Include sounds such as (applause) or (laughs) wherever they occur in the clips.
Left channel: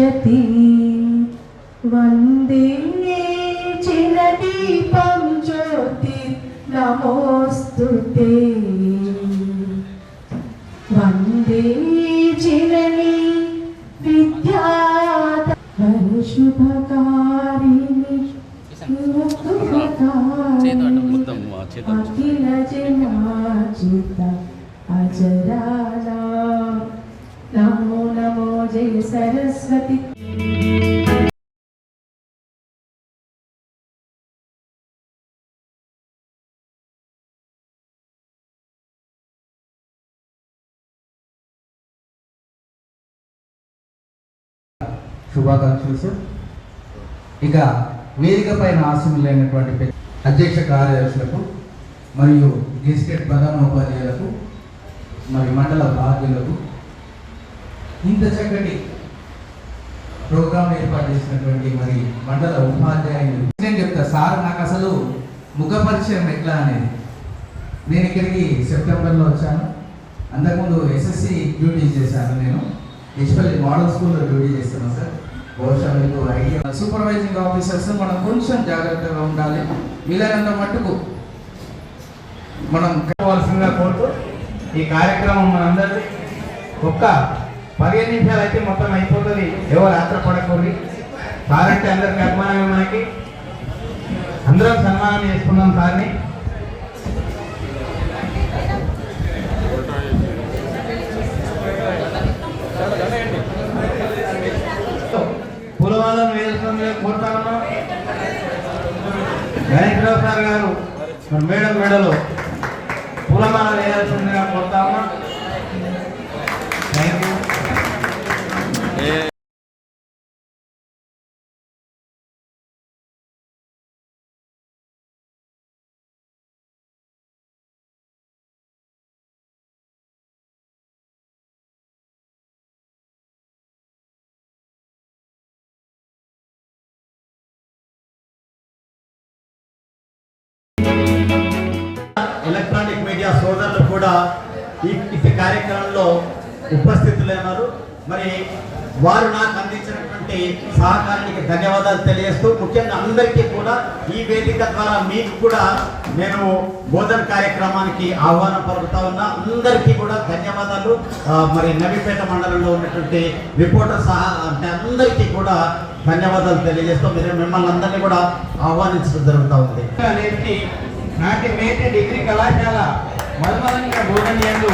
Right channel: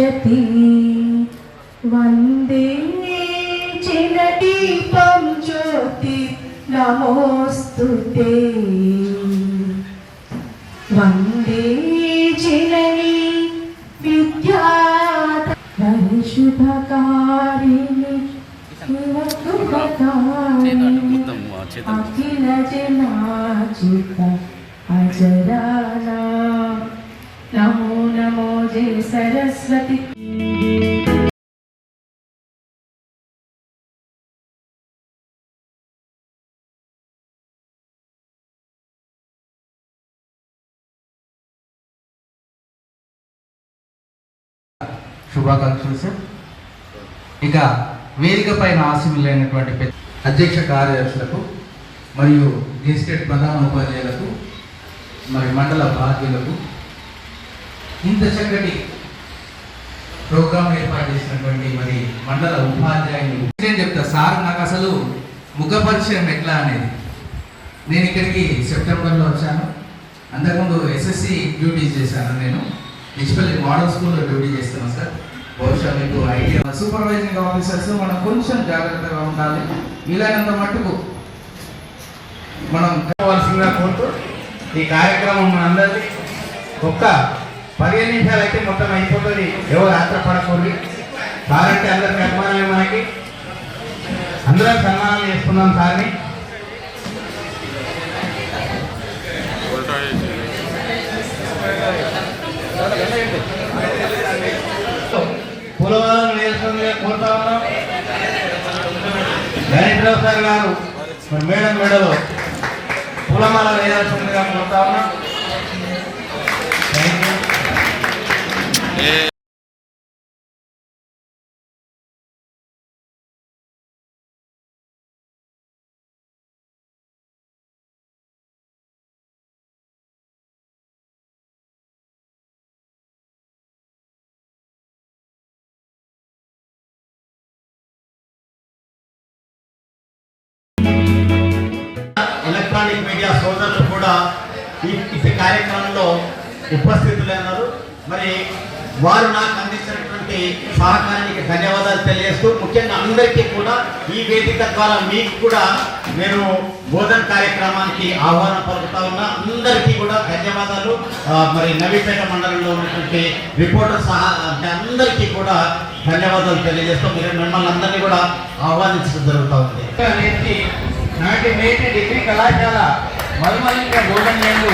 పశ్యతి వందే చిరదీపం జ్యోతి. నమోస్తుతే వందే శుభాకాంక్షలు సార్. ఇక వేదిక పైన ఆశీనులైనటువంటి అధ్యక్ష కార్యదర్శులకు మరియు గెస్టెడ్ ప్రధాన ఉపాధ్యాయులకు మరి మండల బాధ్యులకు ఇంత చక్కటి ప్రోగ్రామ్ ఏర్పాటు చేసినటువంటి మరి మండల ఉపాధ్యాయులు. నేను చెప్తా సార్ నాకు అసలు ముఖ పరిచయం ఎట్లా అనేది? నేను ఇక్కడికి సెప్టెంబర్లో వచ్చాను. అంతకుముందు ఎస్ఎస్సి డ్యూటీస్ చేశాను నేను. డిజిటల్ మోడల్ స్కూల్లో డ్యూటీ చేస్తాను సార్. బహుశా మీకు ఐడియా సూపర్వైజింగ్ ఆఫీసర్స్ మనం కొంచెం జాగ్రత్తగా ఉండాలి. వీలైనంత మట్టుకు మనం కావాల్సిందిగా కోరుతూ ఈ కార్యక్రమం మనందరికీ ఒక్క పదిహేను నిమిషాలు అయితే మొత్తం అయిపోతుంది. ఎవరు ఆత్రపడకూడదు వారంటే అందరికి అభిమానమే మనకి. అందరం సన్మానం చేసుకున్నాం సార్ని. పులవాలను కోరుతా ఉన్నాం. గణేశ్వరరావు సార్ గారు మరి మేడం మేడలో పూలమాల వేయాల్సిందిగా కోరుతా ఉన్నాం. థ్యాంక్ యూ వారు నాకు అందించినటువంటి సహకారానికి ధన్యవాదాలు తెలియజేస్తూ ముఖ్యంగా అందరికీ కూడా ఈ వేదిక ద్వారా మీకు కూడా నేను బోధన కార్యక్రమానికి ఆహ్వానం పలుకుతా ఉన్నా. అందరికీ కూడా ధన్యవాదాలు. మరి నవీపేట మండలంలో ఉన్నటువంటి రిపోర్టర్ సహా అందరికీ కూడా ధన్యవాదాలు తెలియజేస్తూ మీరు మిమ్మల్ని అందరినీ కూడా ఆహ్వానించడం జరుగుతూ ఉంది. నాటి మేటి డిగ్రీ కళాశాల మరుమలింగ బోధనలు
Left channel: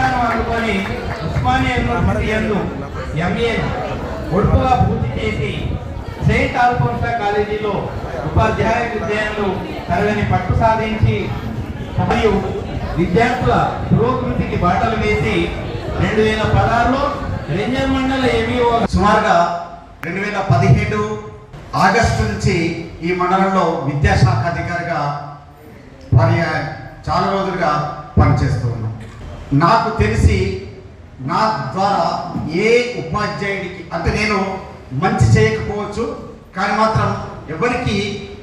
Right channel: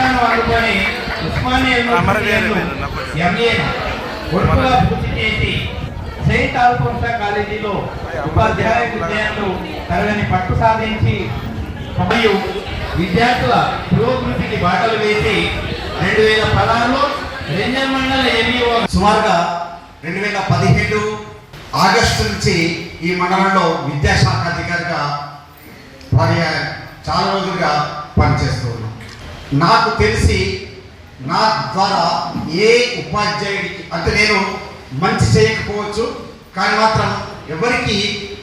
పట్టాను అందుకొని ఉస్మానియా ఎంఏ ఒడుపుగా పూర్తి చేసి సెయింట్ ఆల్ఫోన్సా కాలేజీలో ఉపాధ్యాయ విద్యార్థులు తరగని పట్టు సాధించి మరియు విద్యార్థుల పురోగతికి బాటలు వేసి రెండు వేల పదహారులో రెంజల్ మండల ఏవిఓ సుమారుగా రెండు వేల పదిహేడు ఆగస్టు నుంచి ఈ మండలంలో విద్యాశాఖ అధికారిగా మరి చాలా రోజులుగా పనిచేస్తూ నాకు తెలిసి నా ద్వారా ఏ ఉపాధ్యాయుడికి అంటే నేను మంచి చేయకపోవచ్చు కానీ మాత్రం ఎవరికి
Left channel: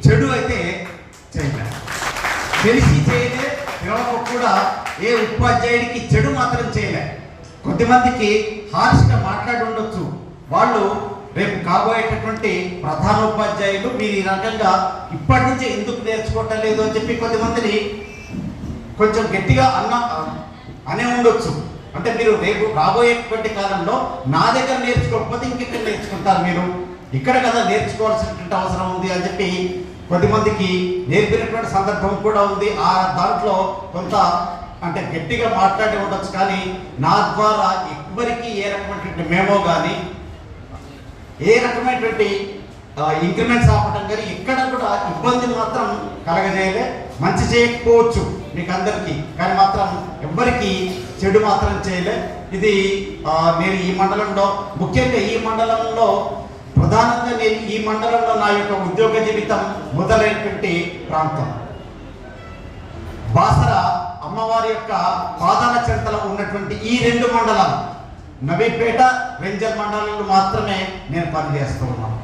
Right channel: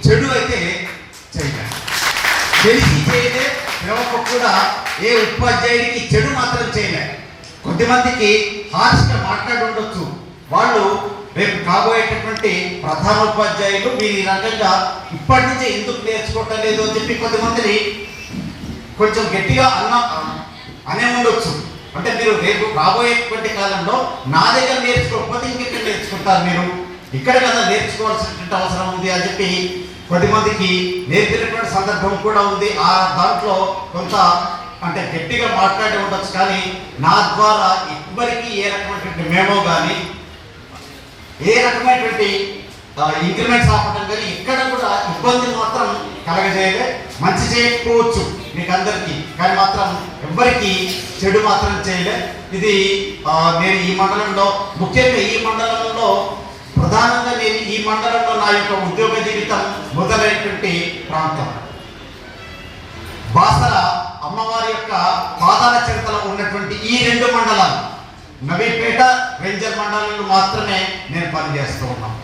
చెడు అయితే చేయలేదు తెలిసి చేయలే ఎవరికి కూడా ఏ ఉపాధ్యాయుడికి చెడు మాత్రం చేయలే. కొద్దిమందికి హార్ష్గా మాట్లాడి ఉండొచ్చు. వాళ్ళు రేపు కాబోయేటటువంటి ప్రధానోపాధ్యాయులు మీరు ఈ రకంగా ఇప్పటి నుంచే ఎందుకు నేర్చుకోవటం లేదు అని చెప్పి కొద్దిమందిని కొంచెం గట్టిగా అన్న అనే ఉండొచ్చు. అంటే మీరు రేపు రాబోయేటువంటి కాలంలో నా దగ్గర నేర్చుకోకపోతే ఇంకెక్కడ నేర్చుకుంటారు మీరు? ఇక్కడ కదా నేర్చుకోవాల్సినటువంటి అవసరం ఉంది అని చెప్పి కొద్దిమందికి నేర్పినటువంటి సందర్భం కూడా ఉంది. ఆ దాంట్లో కొంత అంటే గట్టిగా మాట్లాడి ఉండొచ్చు కానీ నా ద్వారా ఎవ్వరికి ఏ రకమైనటువంటి మేమో కానీ ఏ రకమైనటువంటి ఇంక్రిమెంట్స్ ఆపటం కానీ ఇక్కడ కూడా ఇబ్బంది మాత్రం కలగజేయలే. మంచి చేయకపోవచ్చు. మీకు అందరికీ కానీ మాత్రం ఎవ్వరికీ చెడు మాత్రం చేయలే. ఇది నేను ఈ మండలంలో ముఖ్యంగా ఈ మండలంలో ప్రధానంగా నేను ఈ మండలంలో నా యొక్క ఉద్యోగ జీవితం మొదలైనటువంటి ప్రాంతం. బాసర అమ్మవారి యొక్క పాదాల చెంతలో ఉన్నటువంటి ఈ రెండు మండలాలు నవీపేట రేంజర్ మండలంలో మాత్రమే నేను పనిచేస్తూ ఉన్నాను.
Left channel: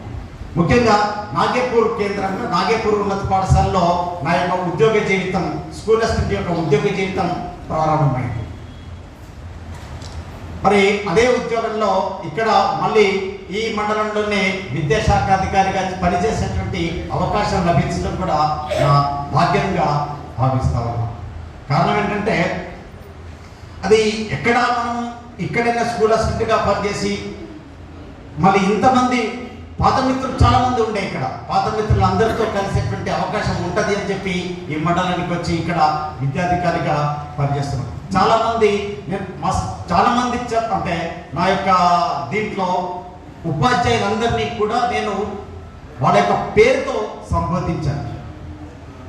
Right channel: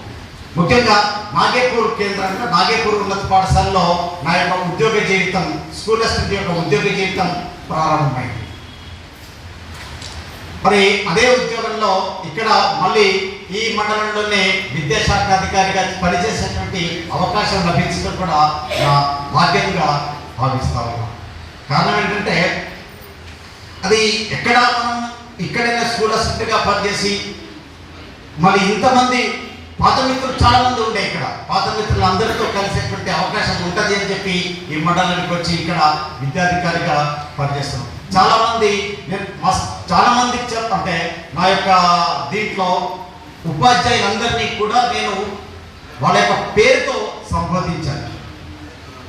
ముఖ్యంగా నాగేపూర్ కేంద్రంగా నాగేపూర్ ఉన్నత పాఠశాలలో నా యొక్క ఉద్యోగ జీవితం స్కూల్ అసిస్టెంట్ యొక్క ఉద్యోగ జీవితం ప్రారంభమైంది. మరి అదే ఉద్యోగంలో ఇక్కడ మళ్ళీ ఈ మండలంలోనే విద్యాశాఖ అధికారిగా పనిచేసేటువంటి అవకాశం లభించడం కూడా నా భాగ్యంగా భావిస్తా ఉన్నాం కారణం ఏంటంటే అది ఎక్కడ మనం ఇక్కడైనా స్కూల్ అసిస్టెంట్గా పనిచేసి మరి ఇంతమంది పాత మిత్రులు చాలా మంది ఉండే ఇక్కడ. పాత మిత్రులు అందరితో కలిసేటువంటి అవకాశం ఉంటుంది అని చెప్పి ఈ మండలానికి వచ్చి ఇక్కడ విద్యాధికారిగా పనిచేస్తున్నాం. చాలా మంది నేను మస్- చాలా మంది చెప్ అంటే నా యొక్క దీంట్లో ఉపాధ్యాయులందరినీ కూడా నేను వాళ్ళ యొక్క పేరుతో సంబోధించాను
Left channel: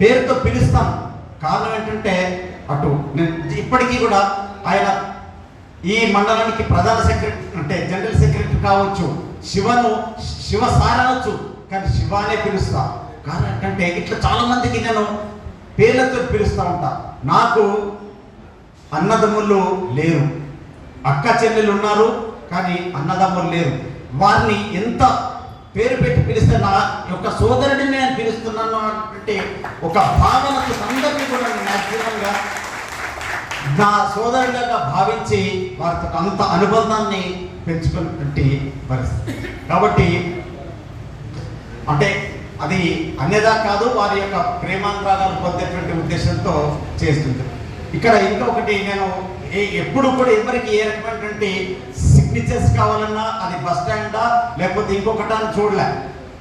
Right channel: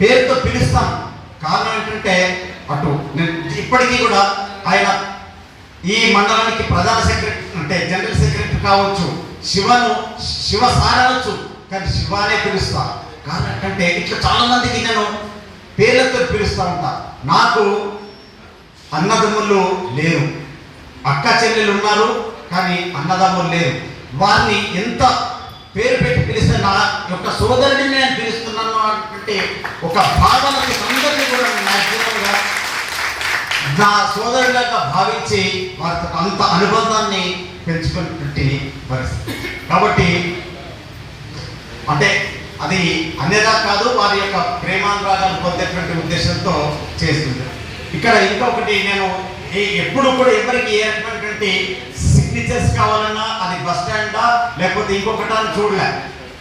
పేరుతో పిలుస్తాను. కారణం ఏంటంటే అటు నేను ఇప్పటికీ కూడా ఆయన ఈ మండలానికి ప్రధాన సెక్రటరీ అంటే జనరల్ సెక్రటరీ కావచ్చు శివను శివ సారవచ్చు కానీ శివానే పిలుస్తా కారణం ఇట్లా చాలా మందికి నేను పేర్లతో పిలుస్తా ఉంటా నాకు అన్నదమ్ములు లేరు. అక్క చెల్లెలు ఉన్నారు కానీ అన్నదమ్ములు లేరు. వారిని ఎంత పేరు పెట్టి పిలిస్తే నా యొక్క సోదరుడిని నేను పిలుస్తున్నాను అంటే ఒక భావనకు అందరినీ కూడా నా జీవితంగా నా సోదరుడిగా భావించి వారితో అంత అనుబంధాన్ని పెంచుకున్నటువంటి పరిస్థితి. కాబట్టి అంటే అది అనేదా కాదు వారి యొక్క ప్రేమానురాగాలు పొందేటువంటి ఉద్దేశంతో చేస్తుంది. ఇక్కడ ఇంకొకటి నేను ఎప్పుడు కూడా ఎవరికి ఏ రకమైనటువంటి సిగ్నేచర్స్ కావాలన్నా అది బస్ స్టాండా లేకపోతే ఇంకొకటి అని చూడలే.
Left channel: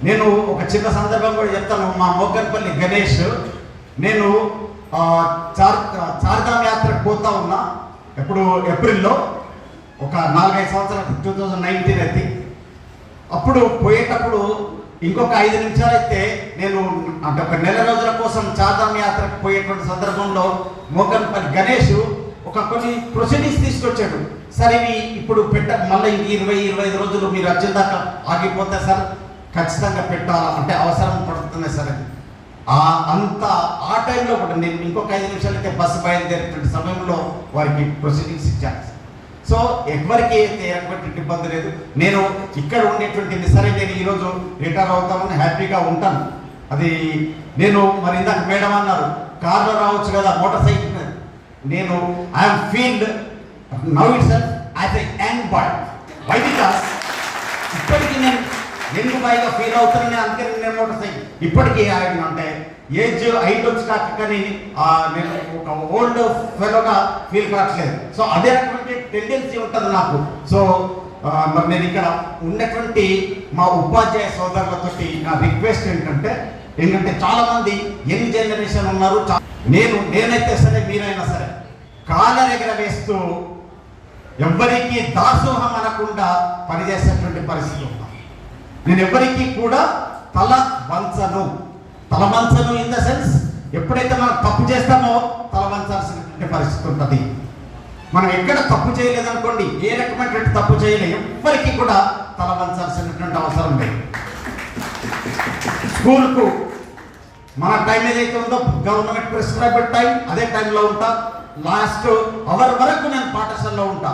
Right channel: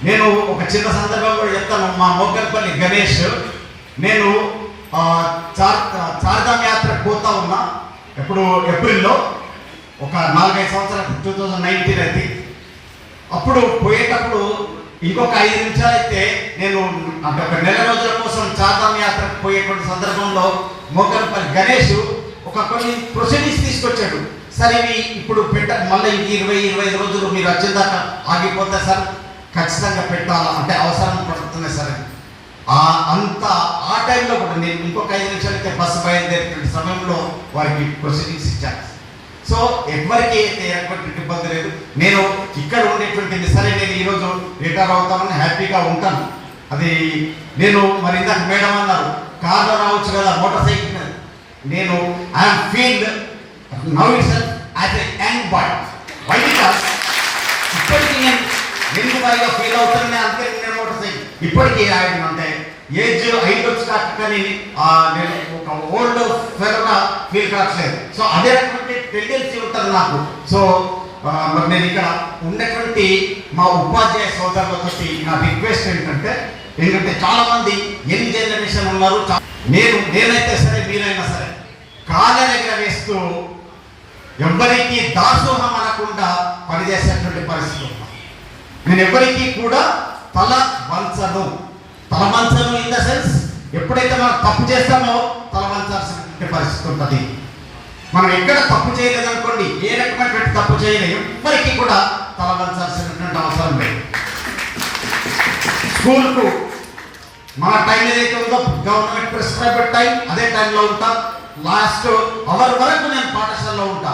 నేను ఒక చిన్న సందర్భం కూడా చెప్తాను. మా మొగ్గల్పల్లి గణేష్ నేను చార్ చార్ధామ్ యాత్రకు పోతా ఉన్నా. ఎప్పుడు ఏప్రిల్లో ఒక నాలుగైదు సంవత్సరాలు టూ థౌజండ్ నైన్టీన్ అయితే అప్పుడు పోయేటప్పుడు ఇంకొక ఐదు నిమిషాలు అయితే నేను అంటే ఒక నెల రోజుల కోసం చార్ధామ్ యాత్రకు పోయేటువంటి సందర్భంలో మోకన్పల్లి గణేష్ ఒక కొన్ని ప్రొసీడింగ్స్ తీసుకొచ్చాడు. సరే ఇప్పుడు పెట్ట మళ్ళీ ఇంక ఇరవై ఇరవై ఐదు రోజులు మీరు వచ్చిందాక ఆగిపోతే సార్ ఖచ్చితంగా పెట్టాలా? అంటే అవసరం పడుతుంది సార్ అని. ఆ అంత ఆ టైంలో కూడా నేను ఇంకొక ఐదు నిమిషాలు అయితే బస్సు బయలుదేరేటువంటి సమయంలో వారికి ప్రొసీడింగ్స్ ఇచ్చాను. సో ఎవరికి అయితే ఎటువంటి ఇబ్బంది లేదు. నేను ఇక్కడ ఉండేటువంటి సరే నేను ఈరోజు రిటైర్ అవుతామని హ్యాపీగా ఉంటాను. అది నేను మరి ఇందాక మేడం అన్నారు కార్లో రావచ్చు కదా మోటార్ సైకిల్ మీద. నేను I'm feeled now itself as a young boy why because ఇప్పటికీ నేను యంగ్ పైగా ఫీల్ అవుతానని అందుకే నేను మోటార్ సైకిల్ ఇప్పటికీ ఆయన అంటే ఏజ్ ఐదు వచ్చి కానీ నేను ఒక ఓల్డ్ ఫెలోగా ఫీల్ కావట్లేదు. సో అదే రకమైన టెండెన్సీ ఉంటుంది నాకు. సో మరి నేను ఇక్కడ ఉన్నటువంటి మా ఉపాధ్యాయ సోదరులతో నా రిక్వెస్ట్ ఏంటంటే ఎందుకంటే చాలా మంది యంగ్ జనరేషన్ ఉన్నారు. నేను నేనైతే సరే మీరైనా సరే కాళ్ళ వేస్తూ ఎవ్వరికి దాసోహం అనకుండా పనిచేసేటువంటి పరిస్థితి ఉన్నాం నేను ఎవరికి కూడా తల వంచను. తల వంచను ఇన్ ద సెన్స్ ఎప్పుడైతే మనం తప్పు చేస్తామో తల వంచాల్సిన పరిస్థితి ఉంటుంది. మనం ఎక్కడ తప్పు చేయలేదు అనుకోండి ఏ రకమైనటువంటి తప్పు చేయలేదు ఎవ్వరికి కూడా తల వంచాల్సినటువంటి అవసరం లేదు. స్కూల్కు మన టైం ఏదైతే ఉందో గవర్నమెంట్ ప్రిస్క్రైబ్ టైం అదే టైంలో ఉంటా. లాస్ట్ అవర్ వరకు నేను పాఠశాలలో ఉంటా.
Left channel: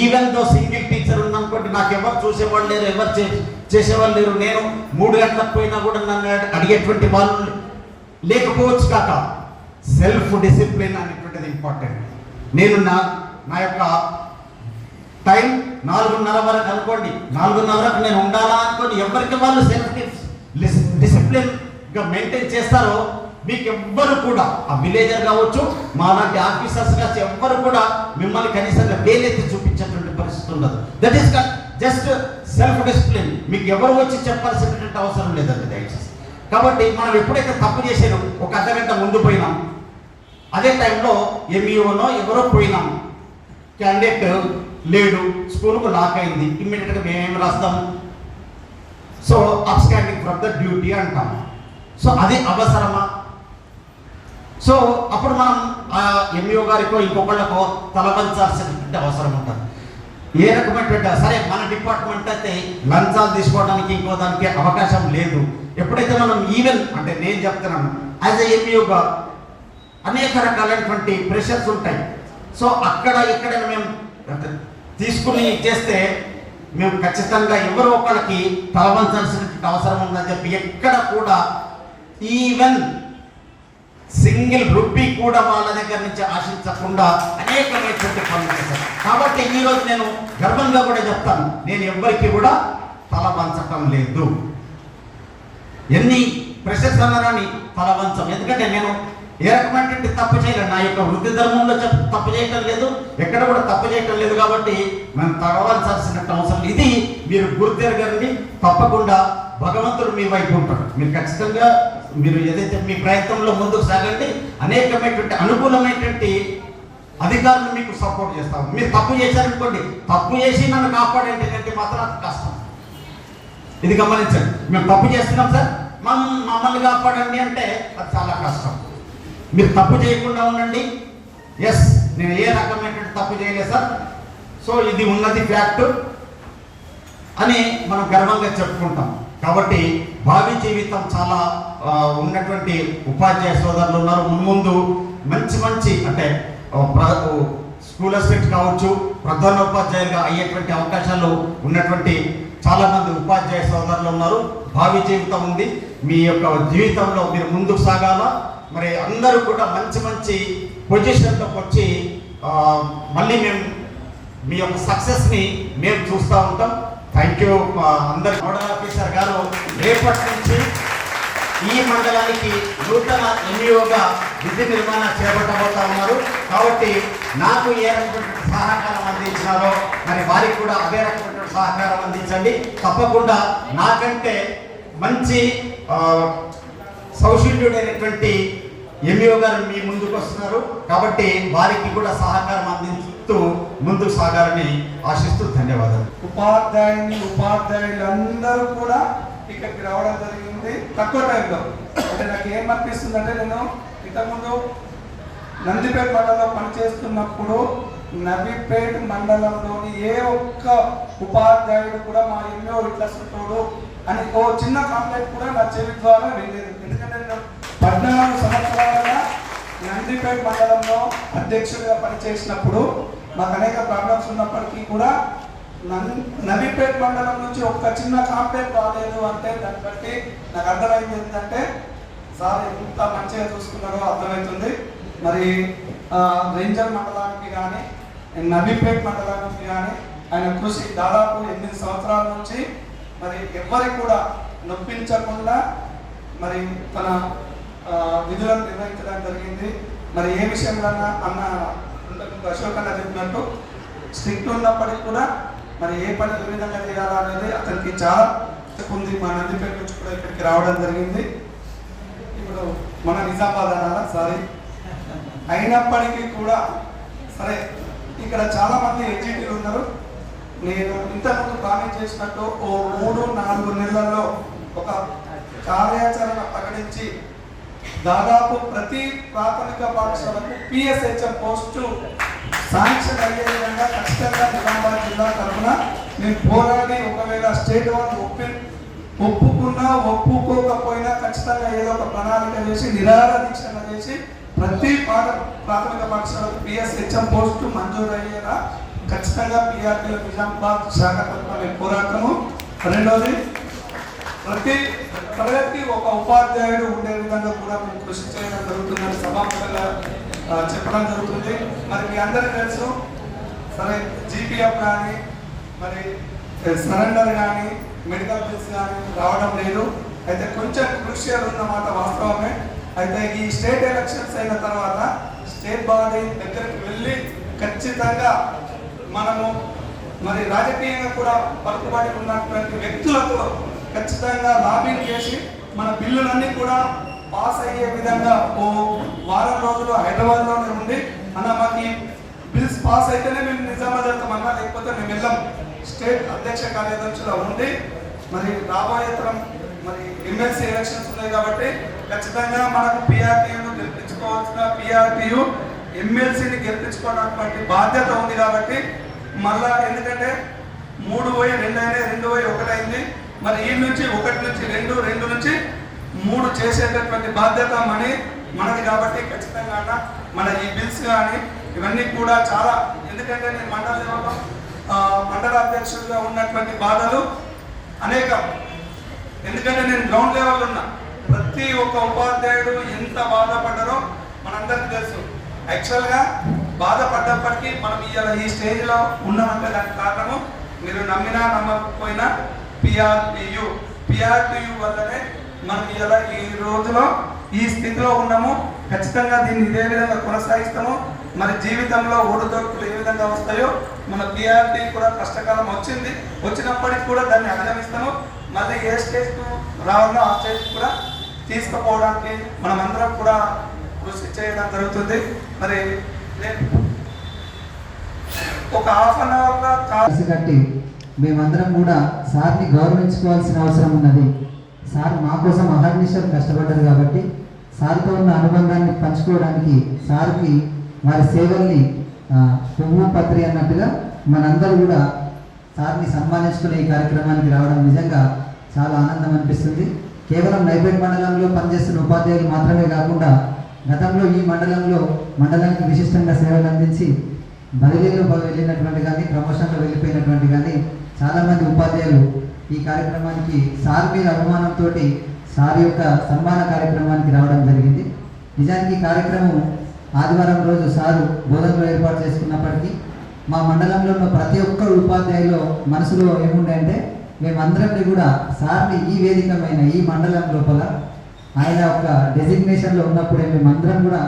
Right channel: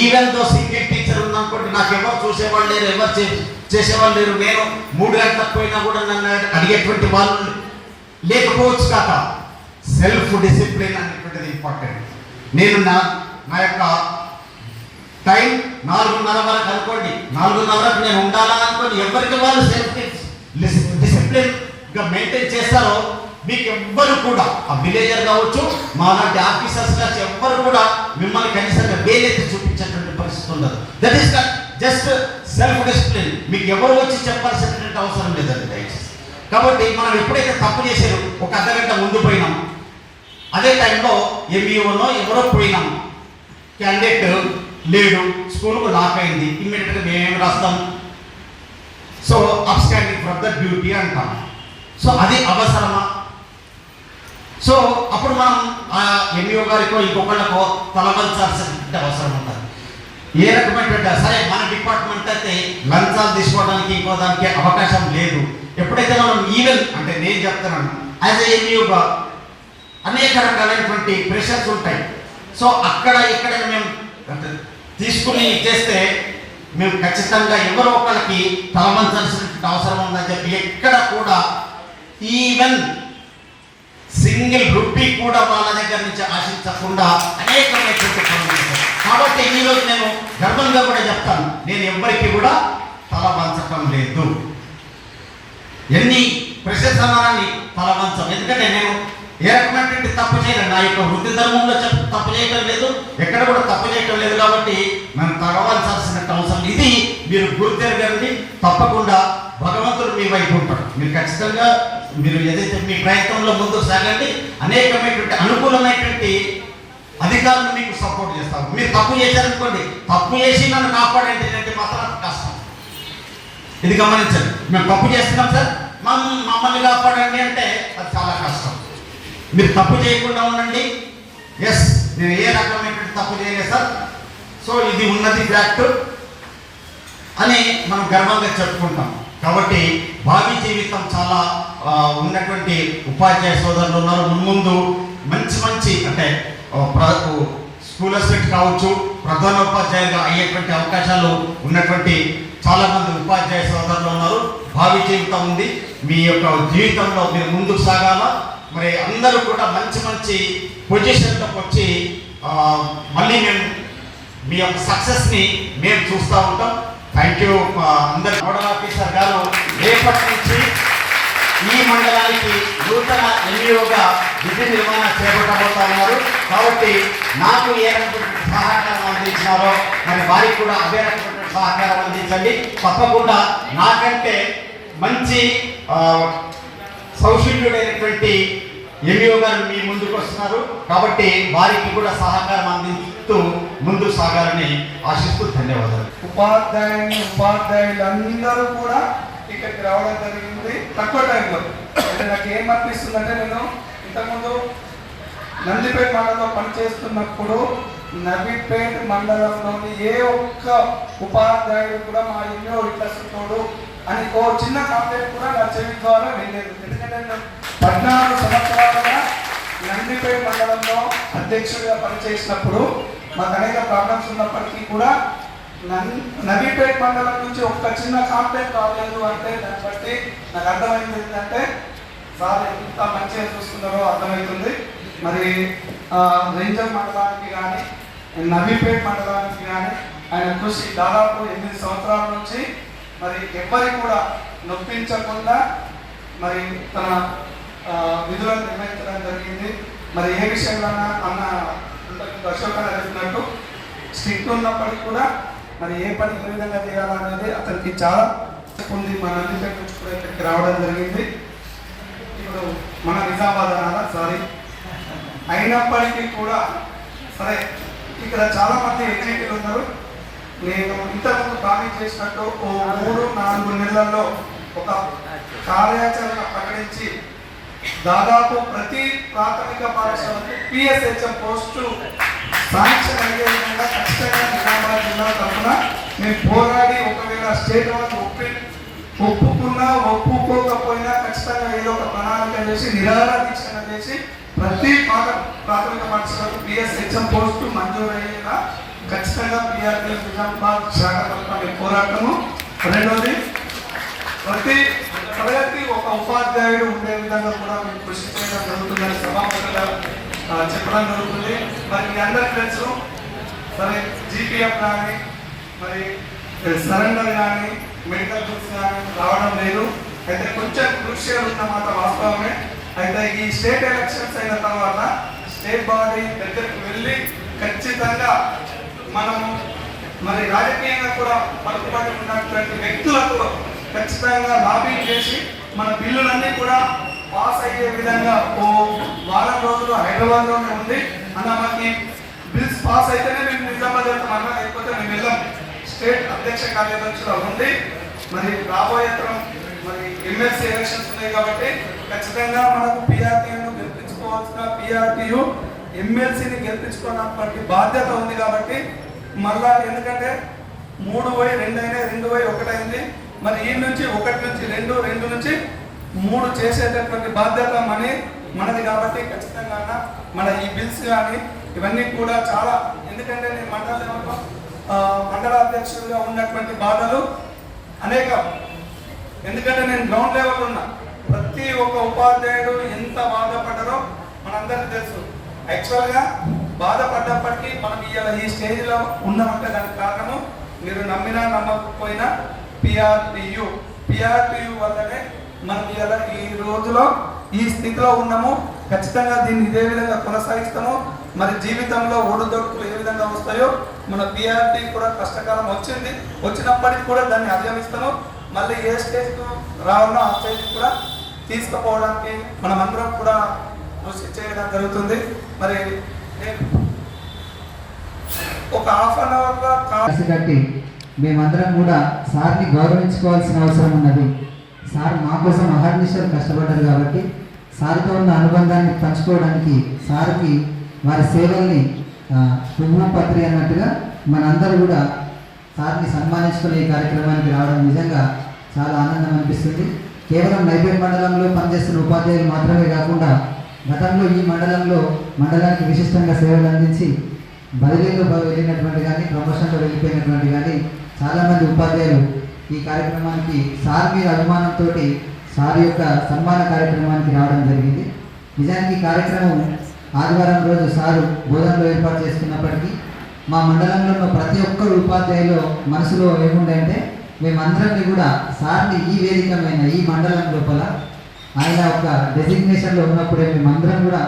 ఈవెన్ దో సింగిల్ టీచర్ ఉందనుకోండి నాకు ఎవరు చూసేవాళ్ళు లేరు ఎవరు చేసి చేసేవాళ్ళు లేరు నేను మూడు గంటలకు పోయినా కూడా నన్ను అడిగేటువంటి వాళ్ళు లేకపోవచ్చు కాక సెల్ఫ్ డిసిప్లిన్ అనేటువంటిది ఇంపార్టెంట్ నేను నా నా యొక్క టైం నాలుగున్నర వరకు అనుకోండి. నాలుగున్నర వరకు నేను ఉండాలా అనుకోండి. ఎవరికి వాళ్ళు సెల్ఫ్ డిసిప్లిన్గా మెయింటైన్ చేస్తారో మీకు ఎవ్వరు కూడా ఆ విలేజర్ కావచ్చు మా లాంటి ఆఫీసర్స్ కావచ్చు ఎవ్వరు కూడా మిమ్మల్ని కనీసంగా వేలైతే చూపించేటువంటి పరిస్థితి ఉండదు. That is just self discipline మీకు ఎవరు వచ్చి చెప్పాల్సినటువంటి అవసరం లేదండి దయచేసి. కాబట్టి మనం ఎప్పుడైతే తప్పు చేసారో ఒక అర్ధగంట ముందు పోయినాం అదే టైంలో ఎంఈఓనో ఎవరో పోయినాం. క్యాండిడేట్ లేడు స్కూల్కు లాక్ అయింది ఇమ్మీడియట్గా మేమేం రాస్తాం? So upstanding from the duty అంటాం. సో అది అవసరమా? సో అప్పుడు మనం ఆ ఎంఈఓ గారికో ఇంకొకళ్ళకో తలవంచాల్సిన అవసరం ఉంటుంది. ఏ రకమైనటువంటి సరే మన డిపార్ట్మెంట్ అయితే లంచాలు తీసుకోవడానికి ఇంకో దానికి అవకాశం లేదు. ఎప్పుడైతే మనం ఈవెన్ అంటే నేను చెప్తున్నాను యాజ్ ఎంఈఓగా అనేక రకాలైనటువంటి ప్రెషర్స్ ఉంటాయి. సో అక్కడ ఇక్కడ మేము తీసుకుని చేస్తే మేము ఖచ్చితంగా ఎవరో ఒకరికి తలవంచాల్సినటువంటి అవసరం ఉందని చెప్పి ఎక్కడ కూడా ఈవెన్ సింగిల్ రూపీ కూడా వాళ్ళ దగ్గర నుంచి ఆశించకుండా అనేకమైనటువంటి పనులు కాబట్టి ఈ రోజు నేను గర్వంగా కూడా చెప్తాను నేను ఎవ్వరికి కూడా తల వంచటం లేదు. ఎన్ని ప్రశంసనాన్ని అన్నారని తల వంచం. ఎందుకంటే నేను ఏ రకమైనటువంటి తప్పు చేయలేదు నా యొక్క వృద్ధి ధర్మంలో చెప్ప తప్పు చేయటం లేదు ఎక్కడ కూడా తప్పు చేయటం లేదు కాబట్టి మనం తగవలసిన అవసరం. ఇది మీరు గుర్తెరగండి తప్పకుండా భగవంతుడు మీ వైపు ఉంటాడు. మీరు ఖచ్చితంగా మీరు ఏదైతే మీ ప్రయత్నంలో ముందుకు సాగండి అనేకమైనటువంటి అనుకూలమైనటువంటి అధికారులు మీకు సపోర్ట్ చేస్తారు. మీరు తప్పు చేశారనుకోండి తప్పు చేసి నన్ను కాపాడేది అంటే మాత్రం కష్టం. ఇది గమనించండి. మేము తప్పు చేస్తున్నాం సార్ మనం మమ్మల్ని కాపాడండి అంటే అది చాలా కష్టం. మీరు తప్పు చేయకుండా ఉండండి. ఎస్ నేను ఏ రకమైనటువంటి తప్పు చేయలేదు సార్. సో ఇది ఉన్నది ఫ్యాక్ట్ అని మనం గర్వంగా చెప్పుకుంటాం. కాబట్టి భావి జీవితం చాలా ఉన్నటువంటి ఉపాధ్యాయ సోదరులు ఉన్నారు. మున్ముందు మంచి మంచి అంటే స్కూల్ అసిస్టెంట్ కావచ్చు ప్రధానోపాధ్యాయులుగా అయ్యేటువంటి అవకాశాలు ఉన్నటువంటి చాలామంది ఉపాధ్యాయ సోదరులు ఉన్నారు. భావి జీవితం ఉంది. మీ యొక్క జీవితంలో మీరు ముందుకు సాగాల? మరి అందరూ కూడా మంచి మంచి పొజిషన్లోకి వచ్చి మళ్ళీ మేము మీ యొక్క సక్సెస్ని మేము చూస్తూ ఉంటాం. థ్యాంక్ యూ అందరు నోడల్ ఆఫీసర్ గారు. రేపటి నుంచి ఈ మండలానికి నూతన ఎన్ఈఓగా విధి నిర్మాణం చేపట్టబోతా ఉన్నారు కాబట్టి నాకు ఏ సహకారం అందించినారో మరి వారికి కూడా అదే సహకారం అందించండి. తప్పకుండా నాకంటే మంచి సౌశీల్యుడైనటువంటి ఎంఈఓ గారు మీ ముందుకు వస్తున్నారు. కాబట్టి వారికి కూడా సహకారం అందిస్తూ ముందుకు సాగాలని ఆశిస్తూ ధన్యవాదాలు. ఉపాధ్యాయుని ఉపాధ్యాయులందరూ కూడా ఇక్కడికి రావడం జరిగింది. తక్కువ టైంలో. అంటే నాకు ఏం అనిపిస్తుందంటే నేను ఇంతకుముందు నందిపేట మండలంలో పనిచేస్తున్నప్పుడు నవీపేట మండలంలోని ఏ ఒక్క ఉపాధ్యాయుడు కూడా మా ఎన్నో ఇట్లస్తుడు అని ఓ చిన్న కాంప్లైంట్ కూడా నా చెవి ద్వారా వెళ్ళలేదు ఎందుకంటే పద్నాలుగు సంవత్సరాలుగా నందిపేట మండలంలో అధ్యక్షుడిగా పనిచేసినప్పుడు మాకు అనేక ప్రాబ్లమ్స్ ఉన్నప్పటికీ కూడా నవీపేట మండలం నుంచి ఒక్క చిన్న కాంప్లైంట్ రాలేదు అంటే దాన్ని బట్టి నాకు అర్థమైంది ఏంటంటే సార్ ఎంత మంచిగా చూస్తున్నారో అర్థమవుతుంది. మరి రేంజర్ మండలానికి కానీ నబీపేట్ మండలానికి కానీ ఆయన కృషి దాదాపు ఎనిమిది సంవత్సరాల నుంచి మరి ఎవ్వరికి కూడా నొప్పించకుండా మరి తన విధులను నిర్వహించడం జరిగింది. మరి ఏ విషయంలో అన్న అశోక్ అన్న చెప్పినట్టు స్ట్రిక్ట్ ఉన్నప్పటికీ కూడా మరి ఏ పని ఏ విధంగా చేయాలా అనేది అతనికి చాలా ఉంది. మా నందిపేట నుంచి కూడా ఇక్కడికి రావడం జరిగింది. ఇప్పుడు మన నిజామాబాద్ అనాలా సారీ అయినప్పటికీ కూడా సరే ఇక్కడ చాలా మంది ఎగ్జిక్యూటివ్ ఉన్నారు. నేను ఇంతకుముందు బాగా చేసినట్టు ఓ మూడు నాలుగు నెలల్లో ఒక కార్యాచరణ ప్రకటించి దాదాపు ప్రతి ప్రాథమిక పాఠశాలకు పిఎస్హెచ్ఎం పోస్టు శాంక్షన్ అయ్యే విధంగా ఖచ్చితంగా నిజామాబాద్ జిల్లా తరఫున మేము పోరాడి ఒకవేళ స్టేట్ వాళ్ళు ఒప్పి ఒప్పుకున్నా ఒప్పుకోకపోయినా ఖచ్చితంగా ఏదో ఒక ప్రణాళిక చేసి నిరాహార చేసి ప్రతి పాఠ ప్రాథమిక పాఠశాలకు పిఎస్హెచ్ఎం పోస్టు మంజూరు అయ్యేలా ఖచ్చితంగా పిఆర్టీ నిజామాబాద్ శాఖ తరఫున మేము పోరాటము రెండోది ప్రతి ప్రతి ఒక ఉపాధ్యాయుడు ఉండే విధంగా కూడా మేము కృషి చేయడం జరుగుతుందని సభాపతిగా చెప్పడం జరుగుతుంది. మరి మీ అందరికీ తెలుసు. మరి జీపీఎఫ్ కానీ మరి సరెండర్ కానీ మెడికల్ బుక్స్ కానీ రావడం లేదు. అయితే కొంచెం కృషిగా ఉన్నమాట వాస్తవమే. అయితే ఈ స్టేట్ ఎలక్షన్స్ అయిన తర్వాత స్టేట్ బాడీ దగ్గరికి వెళ్ళి ఖచ్చితంగా మనము మరి రాజకీయంగా కూడా పలుకుబడి ఉన్నటువంటి వ్యక్తులకు ఖచ్చితంగా లాబింగ్ చేసి మన బిల్లులన్నీ కూడా పాస్ అయ్యే విధంగా ఓ వారం రోజులు హైదరాబాద్లోనే ఉంది. అన్న మాకి బిల్స్ పాస్ అయితేనే మేము నిజామాబాద్ వెళ్తాం అన్న లేకపోతే మేము వెళ్ళాం. స్టేట్ అధ్యక్ష కార్యదర్శిలో ఉంది. మరి రాబోయే తరం మరి ఎమ్మెల్సీ ఎలక్షన్స్ ఉన్నాయి కాబట్టి ఖచ్చితంగా మనకు పిఆర్టీయూను గెలిపించుకోవాల్సిన పిఆర్టీయు ఎమ్మెల్సీని గెలిపించుకున్నటువంటి బాధ్యత ఉంది కాబట్టి మళ్ళా ఎందుకంటే మూడు పోయి రెండు అయినా రెండు పోయి ఒకటైంది మరి ఈ నుంచి ఒకటి నుంచి మూడు చేసేటటువంటి బాధ్యత మనీ మనది కాబట్టి ఖచ్చితంగా మన ఈ బిల్స్ కానీ ఇవన్నీ కూడా చాలా ఎందుకంటే నేను మండల లెవెల్లో మండల అధ్యక్షుడిగా ఉన్నటువంటి బాధలు అనేకం. ఎందుకంటే నేను గ్రౌండ్ లెవెల్ ఉన్నా. ప్రతి ప్రతి ఒక్క ఉపాధ్యాయుడు ఎంత బాధపడ్డారో మనందరికీ తెలుసు. యాక్చువల్గా బాధపడ్డప్పటికీ మనం ఇవాళ ఈ స్టేజ్లో ఉన్నామంటే దానికి కారణము మీరు నమ్మినా నమ్మకపోయినా పిఆర్పియు పిఆర్పియు వల్లనే మనం ఇలా ఈ రోజులో ఈ స్థితిలో ఉన్నాము. ఖచ్చితంగా దీన్ని ఇదే విధంగా కొనసాగిస్తాము. మరి జీవితంలో ఒడిదొడుకులు ఏ విధంగా వస్తాయో మన పిఆర్టీ కూడా కష్టకాలం వచ్చింది. వచ్చినప్పటికి కూడా దాన్ని అధిగమిస్తాము. మళ్ళీ ఏ స్టేజ్కు రావాలో ఆ స్టేజ్ కూడా తీసుకుపోవడానికి మనమందరం కూడా కృషి చేయడం జరుగుతుంది. మరి నేను ఒక హాఫ్ అన్ అవర్గా కా కట్టి మేమందరం కూడా సార్ని గౌరవించుకోవాల్సిన అవసరం ఉన్నది. సార్ మా కోసం అహర్నిశలు కష్టపడ్డారు కాబట్టి సార్తో ఉన్న అనుబంధాన్ని పంచుకోవడానికి సార్కి వారి సేవల్ని పువ్వు పత్రి అన్నట్టుగా మనందరూ కూడా సార్ని సన్మానించుకునే ఈ కార్యక్రమానికి రావడం నిజంగా చాలా ఆనందం అనిపిస్తుంది. కేవలం నైపేట్ మండలంలో పనిచేస్తున్న ఉపాధ్యాయులు మాత్రమే కాకుండా గతంలో ఈ మండలంలో మండలానికి విశిష్టంగా సేవలు అందించి బదిలీలో వెళ్ళినటువంటి కానీ ప్రమోషన్లో వెళ్ళిపోయినటువంటి కానీ చాలామంది ఉపాధ్యాయులు ఈ కార్యక్రమానికి సార్ మీద అభిమానంతో సార్ యొక్క సన్మాన కార్యక్రమానికి రావడం జరిగింది. నిజానికి ఈ కార్యక్రమం ఆదివారం రోజు సారు బోధనలో ఏర్పాటు చేసుకున్నప్పటికీ మా మండలంలో ఉన్న ప్రతి ఒక్కరు ఉపాధ్యాయులు మనసులో ఏముండే మేమందరికీ కూడా సార్ని ఈ వేదికమైన ఈ మండలం లోపల ఆయన ఒక డెసిగ్నేషన్లో ఉన్నప్పుడే మేమందరం కూడా